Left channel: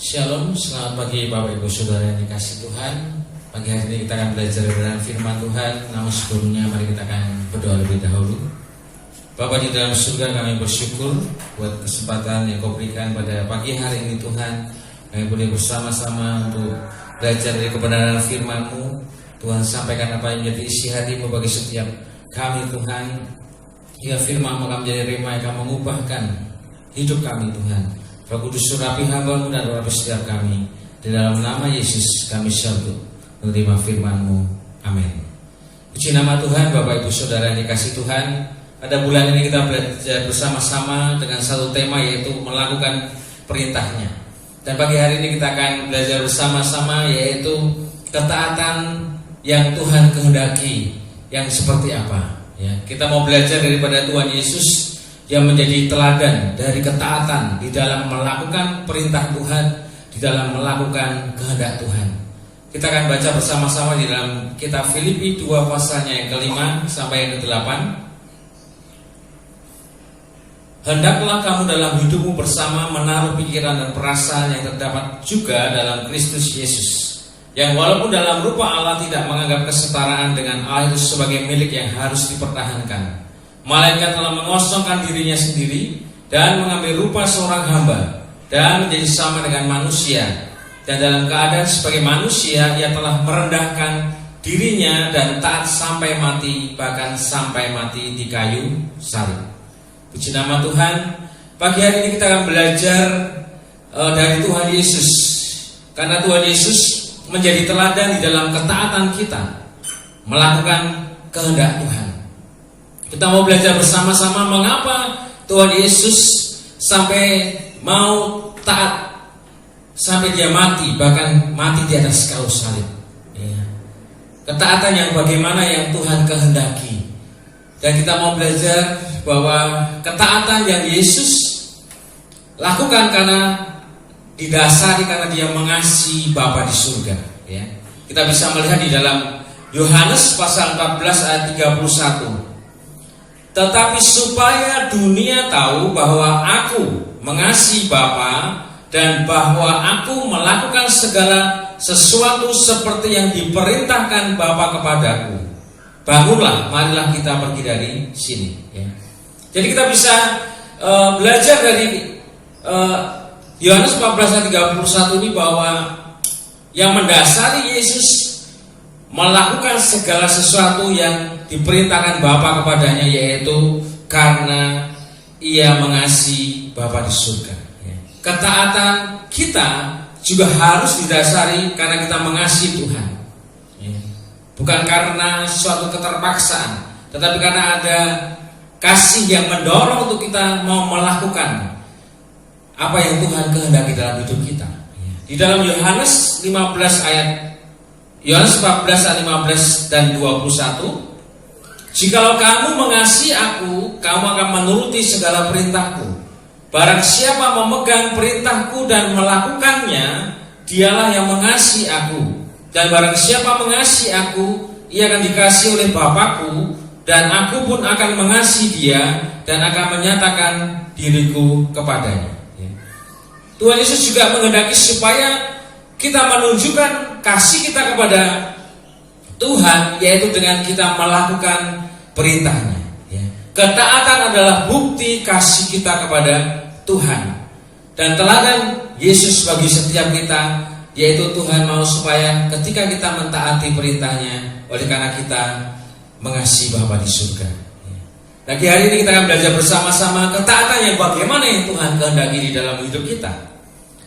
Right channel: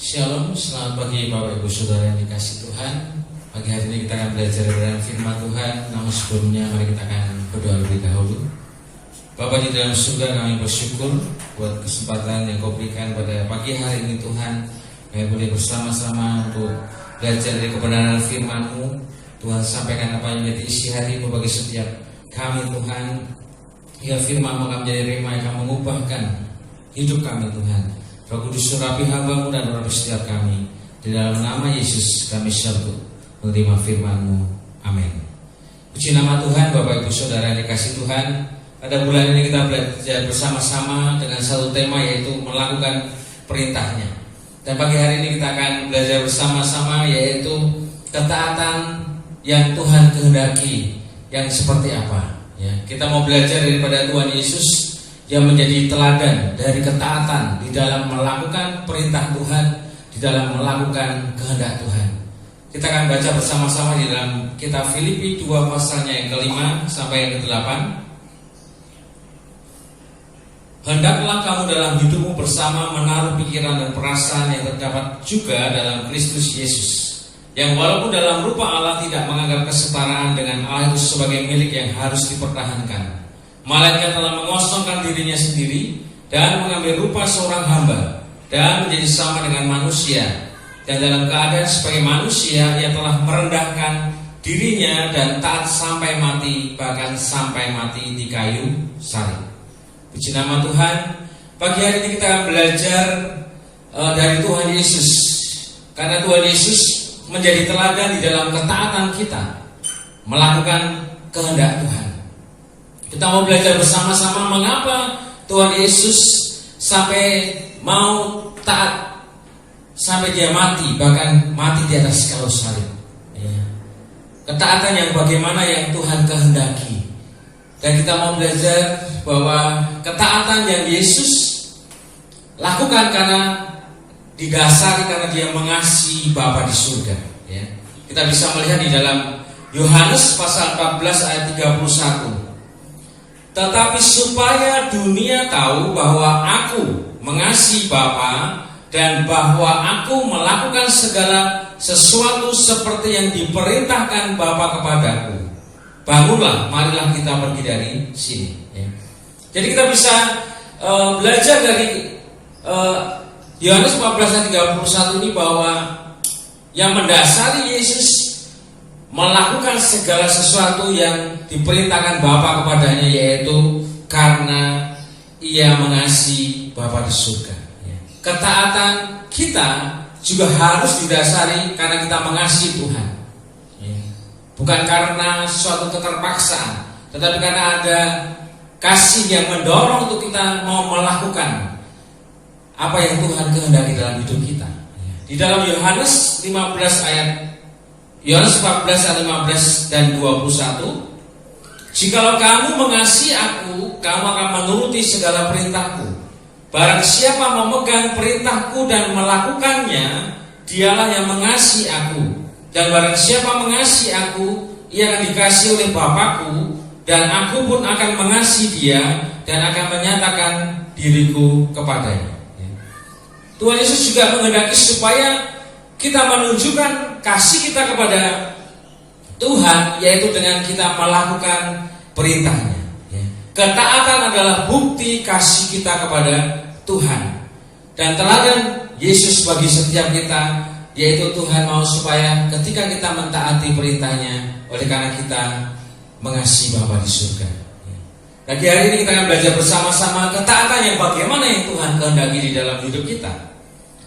Shalom, selamat pagi Bapak Ibu Saudara yang dikasihi Tuhan. Pagi hari ini kita akan belajar dengan firman Tuhan. Namun sebelumnya mari kita akan berdoa lebih dahulu. Bapa di dalam surga, kami bersyukur buat kesempatan yang Kau berikan pada pagi hari ini Tuhan. Kami boleh bersama-sama untuk belajar dari kebenaran firman-Mu. Tuhan, sampaikan apa yang menjadi isi hati-Mu bagi setiap kami Tuhan. Ya, firman-Mu akan menjadi rema yang akan mengubahkan hidup kami Tuhan. Roh Kudus surapi hamba-Mu dan urapi setiap kami. Di dalam nama Yesus kami syaut menerima firman-Mu. Amin. Puji nama Tuhan. Bapak Ibu Saudara yang dikasihi Tuhan, pada bulan ini kita belajar bersama-sama dengan satu tema, yaitu melakukan perintahnya. Dan pagi hari ini kita akan belajar bersama-sama, yaitu ketaatan yang Tuhan kehendaki yang seperti apa. Ya, kita mau belajar daripada Tuhan Yesus yang menjadi teladan dari ketaatan di dalam melakukan perintah Tuhan, di dalam melakukan kehendak Tuhan. Kita akan baca bersama-sama di dalam kitab Filipi 2 pasalnya yang ke-5 sampai yang ke-8. Hendaklah kamu dalam hidupmu bersama menaruh pikiran dan perasaan yang terdapat juga dalam Kristus Yesus, yang walaupun dalam rupa Allah tidak menganggap kesetaraan dengan Allah itu sebagai milik yang harus dipertahankan, melainkan telah mengosongkan dirinya sendiri dan mengambil rupa seorang hamba dan menjadi sama dengan manusia. Dan dalam keadaan sebagai manusia, ia telah merendahkan dirinya dan taat sampai mati, bahkan sampai mati di kayu salib. Puji nama Tuhan. Pagi hari ini kita akan belajar dari Tuhan Yesus, karena Tuhan Yesus menjadi teladan di dalam ketaatan kita melakukan kehendak Tuhan. Kita mau belajar bersama-sama mengapa Tuhan Yesus sampai mau taat, sampai dia mati, bahkan mati di atas kayu salib. Ya. Ketaatan yang bagaimana yang Tuhan kehendaki. Dan kita mau belajar bahwa ketaatan yang Yesus lakukan karena didasari karena dia mengasihi Bapa di surga. Ya. Kita bisa melihat di dalam Yohanes pasal 14 ayat 31. Tetapi supaya dunia tahu bahwa aku mengasihi Bapa dan bahwa aku melakukan segala sesuatu seperti yang diperintahkan Bapa kepadaku, bangunlah, marilah kita pergi dari sini. Ya. Jadi kita bisa belajar dari Yohanes 14 ayat 31 ini bahwa yang mendasari Yesus melakukan segala sesuatu yang diperintahkan Bapa kepadanya, yaitu karena ia mengasihi Bapa di surga. Ketaatan kita juga harus didasari karena kita mengasihi Tuhan, bukan karena suatu keterpaksaan, tetapi karena ada kasih yang mendorong untuk kita mau melakukan apa yang Tuhan kehendaki dalam hidup kita. Di dalam Yohanes 15 ayat Yohanes 14 ayat 15 dan 21, jikalau kamu mengasihi aku, kamu akan menuruti segala perintahku. Barang siapa memegang perintahku dan melakukannya, dialah yang mengasihi aku. Dan barang siapa mengasihi aku, ia akan dikasihi oleh Bapakku, dan aku pun akan mengasihi dia dan akan menyatakan diriku kepadanya. Tuhan Yesus juga menghendaki supaya kita menunjukkan kasih kita kepada Tuhan, yaitu dengan kita melakukan perintahnya. Ketaatan adalah bukti kasih kita kepada Tuhan. Dan teladan Yesus bagi setiap kita, yaitu Tuhan mau supaya ketika kita mentaati perintahnya, oleh karena kita mengasihi Bapa di surga. Lagi hari ini kita akan belajar bersama-sama ketaatan yang bagaimana yang Tuhan kehendaki di dalam hidup kita.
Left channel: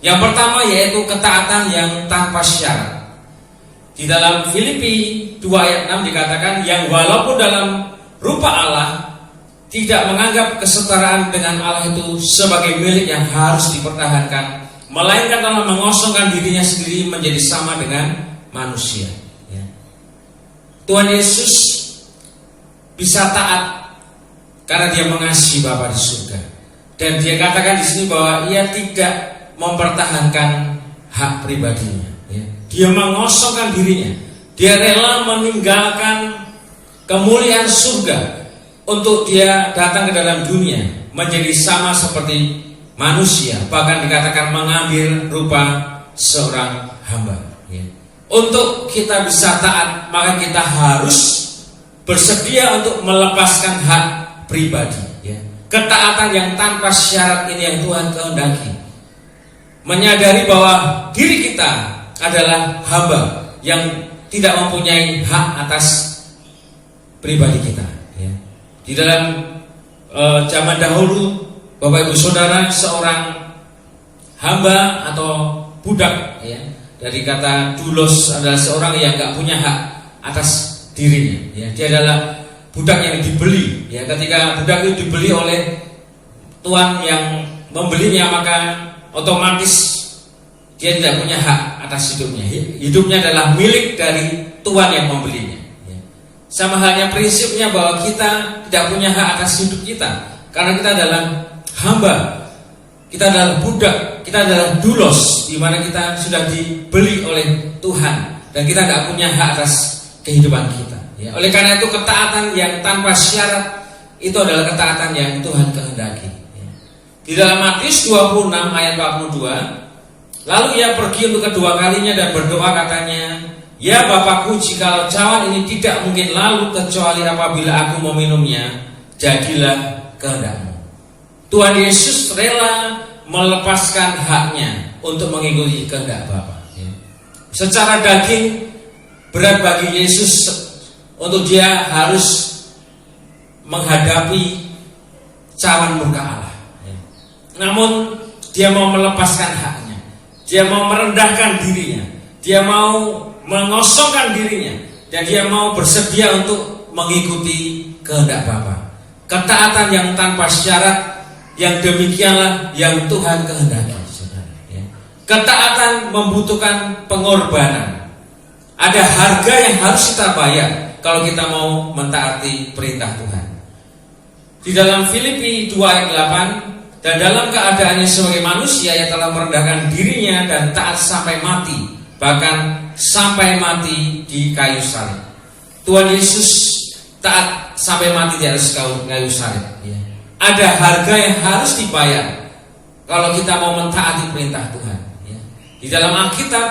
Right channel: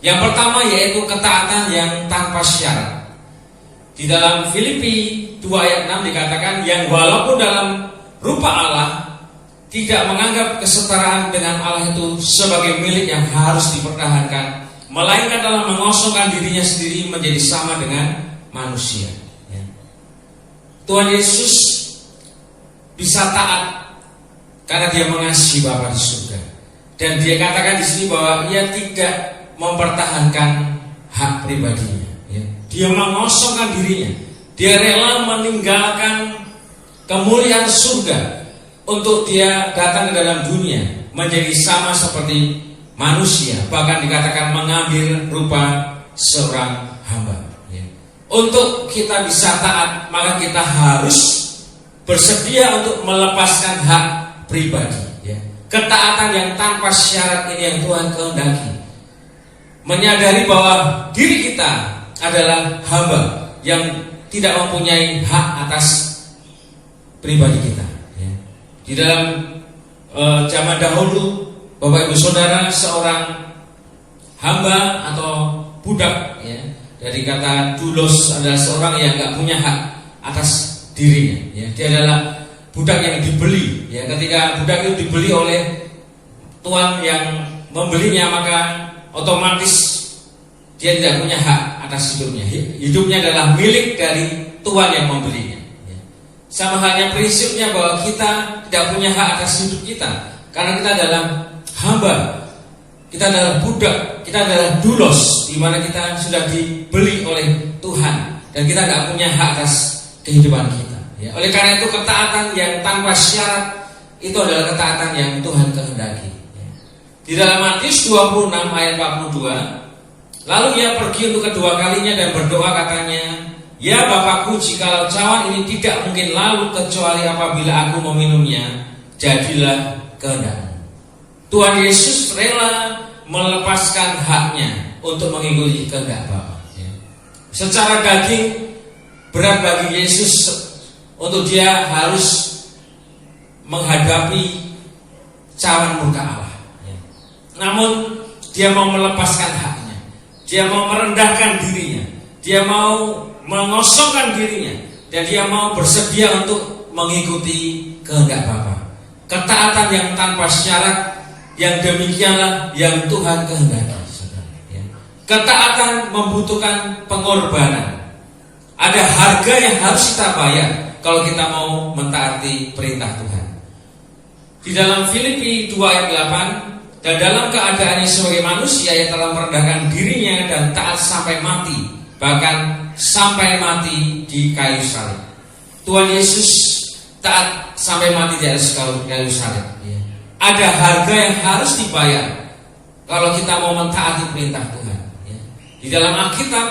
Yang pertama yaitu ketaatan yang tanpa syarat. Di dalam Filipi 2 ayat 6 dikatakan, yang walaupun dalam rupa Allah tidak menganggap kesetaraan dengan Allah itu sebagai milik yang harus dipertahankan, melainkan telah mengosongkan dirinya sendiri menjadi sama dengan manusia. Tuhan Yesus bisa taat karena dia mengasihi Bapa di surga. Dan dia katakan di sini bahwa ia tidak mempertahankan hak pribadinya. Dia mengosongkan dirinya. Dia rela meninggalkan kemuliaan surga untuk dia datang ke dalam dunia menjadi sama seperti manusia, bahkan dikatakan mengambil rupa seorang hamba. Ya. Untuk kita bisa taat, maka kita harus bersedia untuk melepaskan hak pribadi. Ya. Ketaatan yang tanpa syarat ini yang Tuhan kehendaki. Menyadari bahwa diri kita adalah hamba yang tidak mempunyai hak atas pribadi kita. Ya. Di dalam zaman dahulu, Bapak Ibu Saudara, seorang hamba atau budak, ya, dari kata doulos adalah seorang yang nggak punya hak atas dirinya. Ya. Dia adalah budak yang dibeli. Ya. Ketika budak itu dibeli oleh tuan yang membelinya, maka otomatis dia tidak punya hak atas hidupnya. Hidupnya adalah milik dari tuan yang membelinya. Ya. Sama halnya prinsipnya bahwa kita tidak punya hak atas hidup kita, karena kita adalah hamba, kita adalah budak, kita adalah doulos, di mana kita sudah dibeli oleh Tuhan dan kita tidak punya hak atas kehidupan kita. Ya. Oleh karena itu ketaatan yang tanpa syarat itu adalah ketaatan yang Tuhan kehendaki. Ya. Di dalam Matius 26 ayat 42, lalu ia pergi untuk kedua kalinya dan berdoa, katanya, "Ya Bapakku, jikalau cawan ini tidak mungkin lalu kecuali apabila aku meminumnya, jadilah kehendakmu." Tuhan Yesus rela melepaskan haknya untuk mengikuti kehendak Bapa. Ya. Secara daging berat bagi Yesus untuk dia harus menghadapi cawan murka Allah. Ya. Namun dia mau melepaskan haknya, dia mau merendahkan dirinya, dia mau mengosongkan dirinya, dan dia mau bersedia untuk mengikuti kehendak Bapa. Ketaatan yang tanpa syarat, yang demikianlah yang Tuhan kehendaki. Ya. Ketaatan membutuhkan pengorbanan. Ada harga yang harus kita bayar kalau kita mau mentaati perintah Tuhan. Di dalam Filipi 2 ayat 8, dan dalam keadaannya sebagai manusia yang telah merendahkan dirinya dan taat sampai mati, bahkan sampai mati di kayu salib. Tuhan Yesus taat sampai mati di atas kayu salib. Ya. Ada harga yang harus dibayar kalau kita mau mentaati perintah Tuhan. Ya. Di dalam Alkitab,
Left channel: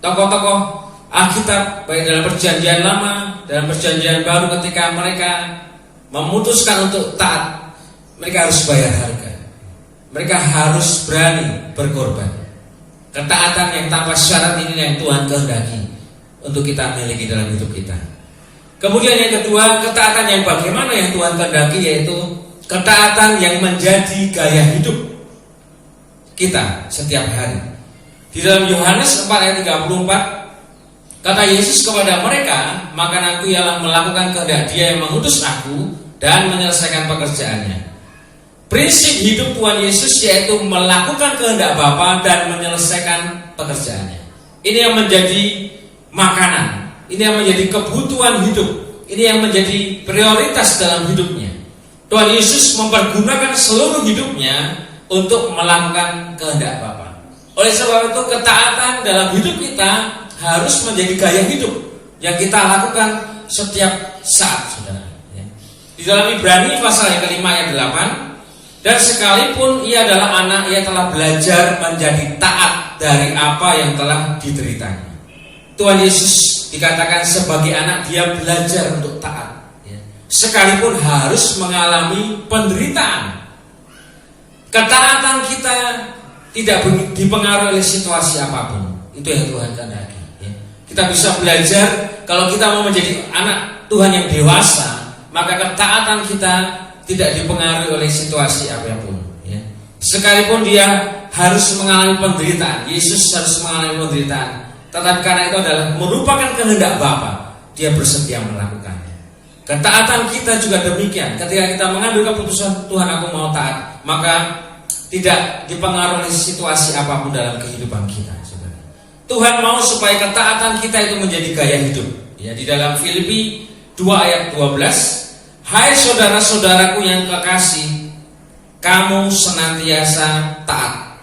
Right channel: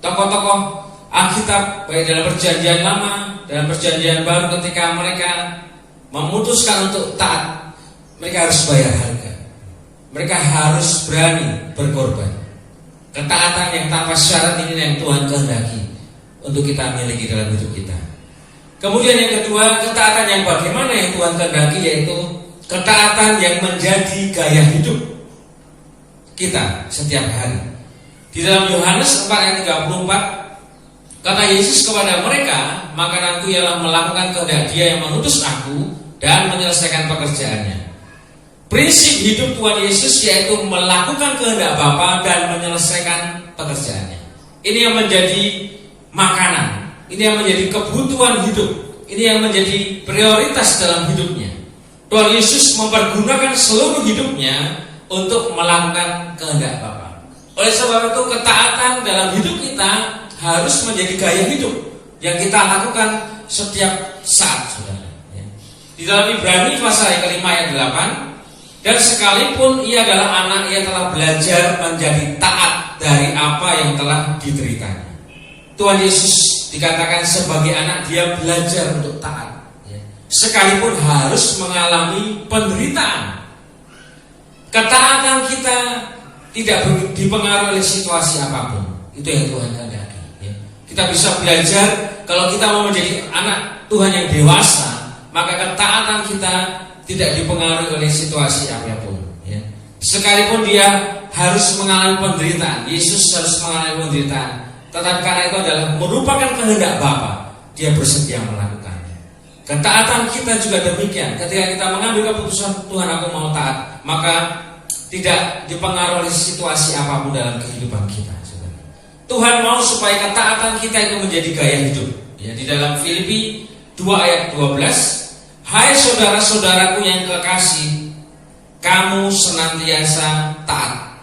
tokoh-tokoh Alkitab baik dalam perjanjian lama, dalam perjanjian baru, ketika mereka memutuskan untuk taat, mereka harus bayar harga. Mereka harus berani berkorban. Ketaatan yang tanpa syarat ini yang Tuhan kehendaki untuk kita miliki dalam hidup kita. Kemudian yang kedua, ketaatan yang bagaimana yang Tuhan kehendaki, yaitu ketaatan yang menjadi gaya hidup kita setiap hari. Di dalam Yohanes 4 ayat 34, kata Yesus kepada mereka, "Makananku ialah melakukan kehendak Dia yang mengutus aku dan menyelesaikan pekerjaannya." Prinsip hidup Tuhan Yesus yaitu melakukan kehendak Bapa dan menyelesaikan pekerjaannya. Ini yang menjadi makanan, ini yang menjadi kebutuhan hidup, ini yang menjadi prioritas dalam hidupnya. Tuhan Yesus mempergunakan seluruh hidupnya untuk melakukan kehendak Bapa. Oleh sebab itu ketaatan dalam hidup kita harus menjadi gaya hidup yang kita lakukan setiap saat, saudara. Di dalam Ibrani pasal yang kelima ayat 8, dan sekalipun ia adalah anak, ia telah belajar menjadi taat dari apa yang telah dideritanya. Tuhan Yesus dikatakan sebagai anak, dia belajar untuk taat, sekalipun harus mengalami penderitaan. Ketaatan kita tidak dipengaruhi oleh situasi apapun. Itu yang Tuhan kehendaki. Kita bisa belajar, kalau kita mau menjadi anak Tuhan yang dewasa, maka ketaatan kita tidak dipengaruhi oleh situasi apapun. Sekalipun dia harus mengalami penderitaan, Yesus harus mengalami penderitaan, tetapi karena itu adalah merupakan kehendak Bapa, dia bersedia melakukannya. Ketaatan kita juga demikian. Ketika kita mengambil keputusan, Tuhan aku mau taat, maka tidak dipengaruhi oleh situasi apapun dalam kehidupan kita. Tuhan mau supaya ketaatan kita itu menjadi gaya hidup. Di dalam Filipi 2 ayat 12, "Hai saudara-saudaraku yang kekasih, kamu senantiasa taat.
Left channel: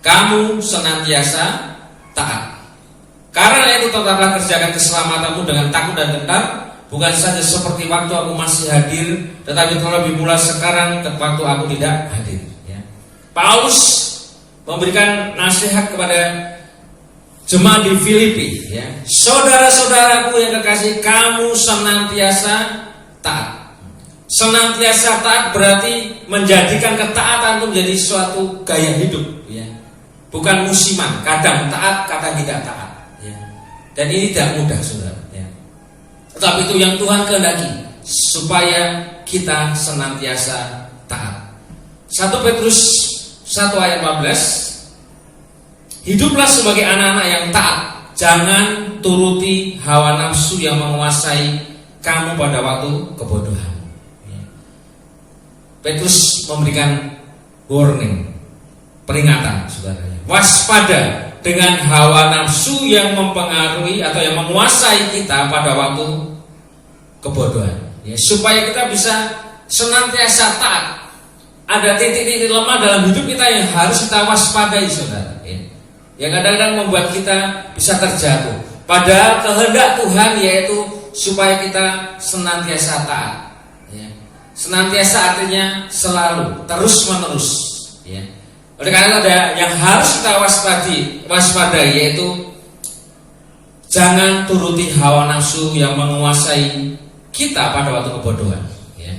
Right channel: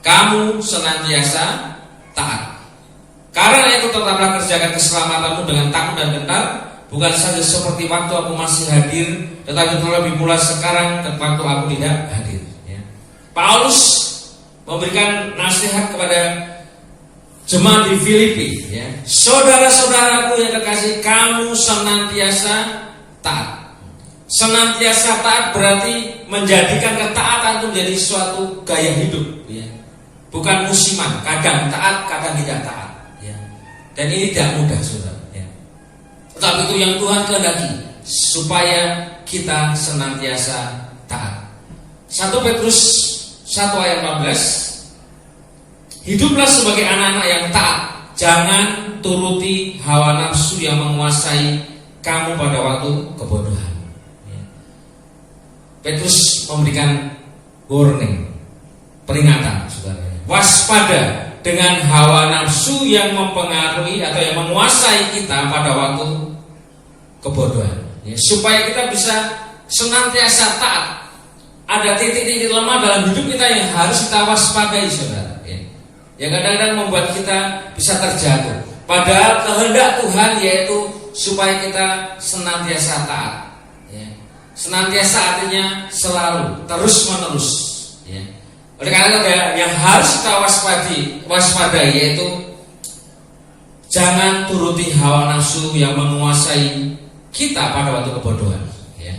Kamu senantiasa taat. Karena itu tetaplah kerjakan keselamatanmu dengan takut dan gentar, bukan saja seperti waktu aku masih hadir, tetapi terlebih pula sekarang waktu aku tidak hadir." Paulus memberikan nasihat kepada jemaat di Filipi, ya. Saudara-saudaraku yang kekasih, kamu senantiasa taat. Senantiasa taat berarti menjadikan ketaatan itu menjadi suatu gaya hidup, ya. Bukan musiman, kadang taat, kadang tidak taat, ya. Dan ini tidak mudah, saudara, ya. Tetapi itu yang Tuhan kehendaki, supaya kita senantiasa taat. 1 Petrus 1 ayat 14, hiduplah sebagai anak-anak yang taat, jangan turuti hawa nafsu yang menguasai kamu pada waktu kebodohan. Petrus memberikan warning, peringatan, saudara. Waspada dengan hawa nafsu yang mempengaruhi atau yang menguasai kita pada waktu kebodohan, ya, supaya kita bisa senantiasa taat. Ada titik-titik lemah dalam hidup kita yang harus kita waspadai, saudara, ya. Yang kadang-kadang membuat kita bisa terjatuh. Padahal kehendak Tuhan yaitu supaya kita senantiasa taat, ya. Senantiasa artinya selalu, terus-menerus, ya. Oleh karena itu ada yang harus kita waspadai, yaitu jangan turuti hawa nafsu yang menguasai kita pada waktu kebodohan, ya.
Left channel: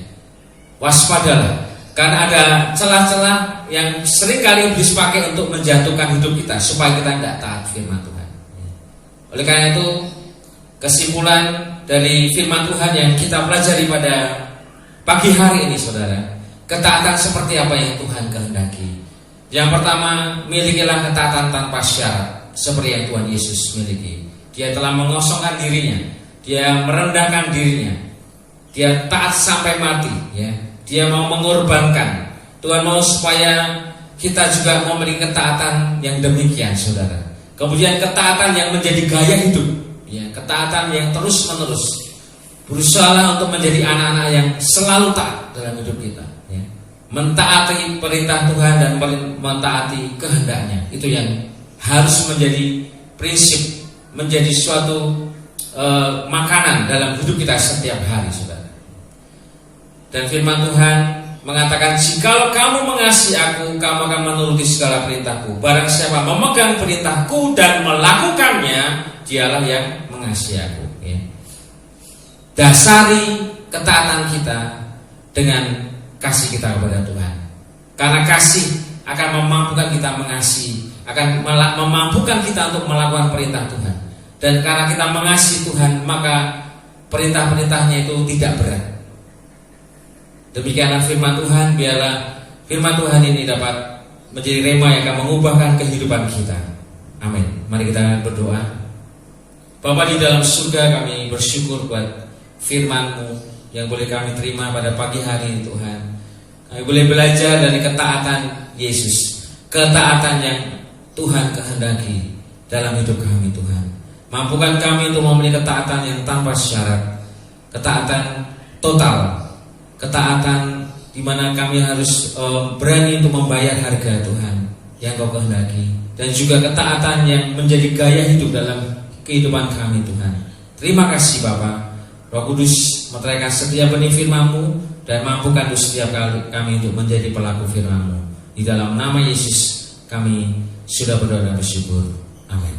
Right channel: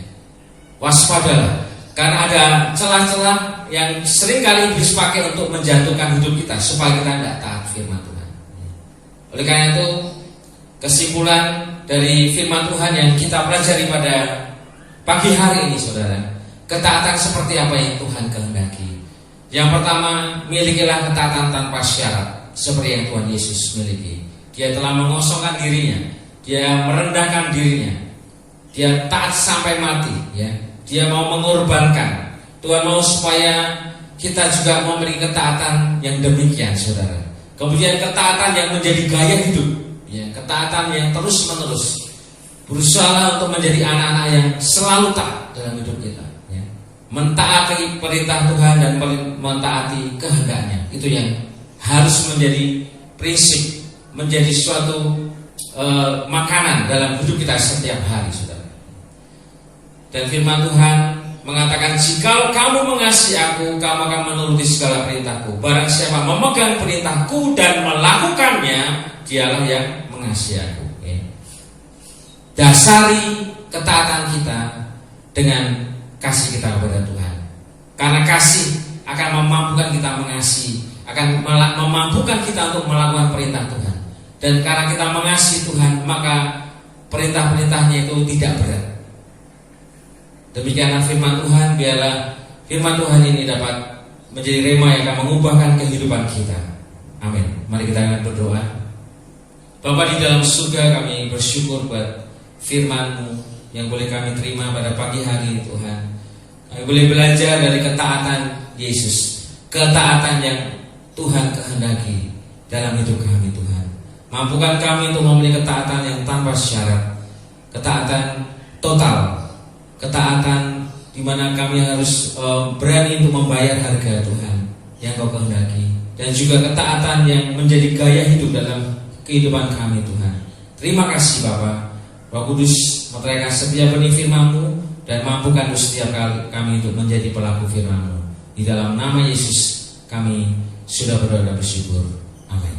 Waspadalah, karena ada celah-celah yang sering kali iblis pakai untuk menjatuhkan hidup kita supaya kita tidak taat firman Tuhan. Oleh karena itu, kesimpulan dari firman Tuhan yang kita pelajari pada pagi hari ini, saudara, ketaatan seperti apa yang Tuhan kehendaki. Yang pertama, milikilah ketaatan tanpa syarat seperti yang Tuhan Yesus miliki. Dia telah mengosongkan dirinya, dia merendahkan dirinya, dia taat sampai mati, ya. Dia mau mengorbankan. Tuhan mau supaya kita juga memiliki ketaatan yang demikian, saudara. Kemudian ketaatan yang menjadi gaya hidup, ya, ketaatan yang terus-menerus. Berusaha untuk menjadi anak-anak yang selalu taat dalam hidup kita, ya. Mentaati perintah Tuhan dan mentaati kehendaknya. Itu yang harus menjadi prinsip, menjadi suatu makanan dalam hidup kita setiap hari, saudara. Dan firman Tuhan mengatakan, jikalau kamu mengasihi aku, kamu akan menuruti segala perintahku. Barang siapa memegang perintahku dan melakukannya, dialah yang mengasihi aku, ya. Dasari ketaatan kita dengan kasih kita kepada Tuhan. Karena kasih akan memampukan kita mengasihi, akan memampukan kita untuk melakukan perintah Tuhan. Dan karena kita mengasihi Tuhan, maka perintah-perintahnya itu tidak berat. Demikianlah firman Tuhan. Biarlah firman Tuhan ini dapat menjadi rema yang akan mengubahkan kehidupan kita. Amin. Mari kita berdoa. Bapa di dalam surga, kami bersyukur buat firman-Mu yang boleh kami terima pada pagi hari ini, Tuhan. Kami boleh belajar dari ketaatan Yesus, ketaatan yang Tuhan kehendaki dalam hidup kami, Tuhan. Mampukan kami untuk memiliki ketaatan yang tanpa syarat, ketaatan total, ketaatan di mana kami harus berani untuk membayar harga Tuhan yang Kau kehendaki, dan juga ketaatan yang menjadi gaya hidup dalam kehidupan kami, Tuhan. Terima kasih Bapa. Roh Kudus, meteraikan setiap benih firman-Mu dan mampukan setiap kami untuk menjadi pelaku firman-Mu. Di dalam nama Yesus kami sudah berdoa dan bersyukur. Amin.